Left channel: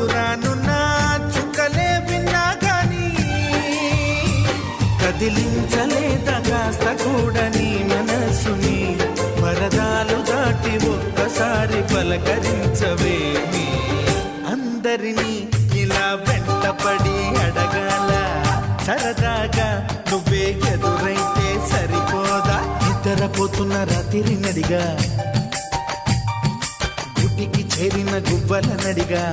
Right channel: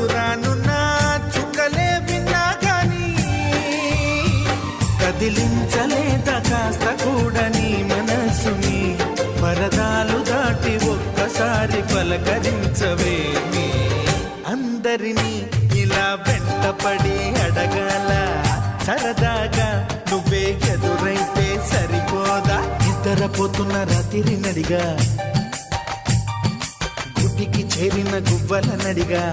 దూరానున్న చుక్కలే విన్నా గాని కదిలించలేద కాస్త కూడా నీ మనసుని పరదాలు దాటి ఒక్కసారి పలకరించవేమి అందరినీ ఇలా వెంటపడి అడగాల సరదాగా నువ్వే ఎదురైతే సరిపోదా నిద్రపోతున్న రాత్రి నడిగా గుటికి చేరిన గువ్వల నడిగా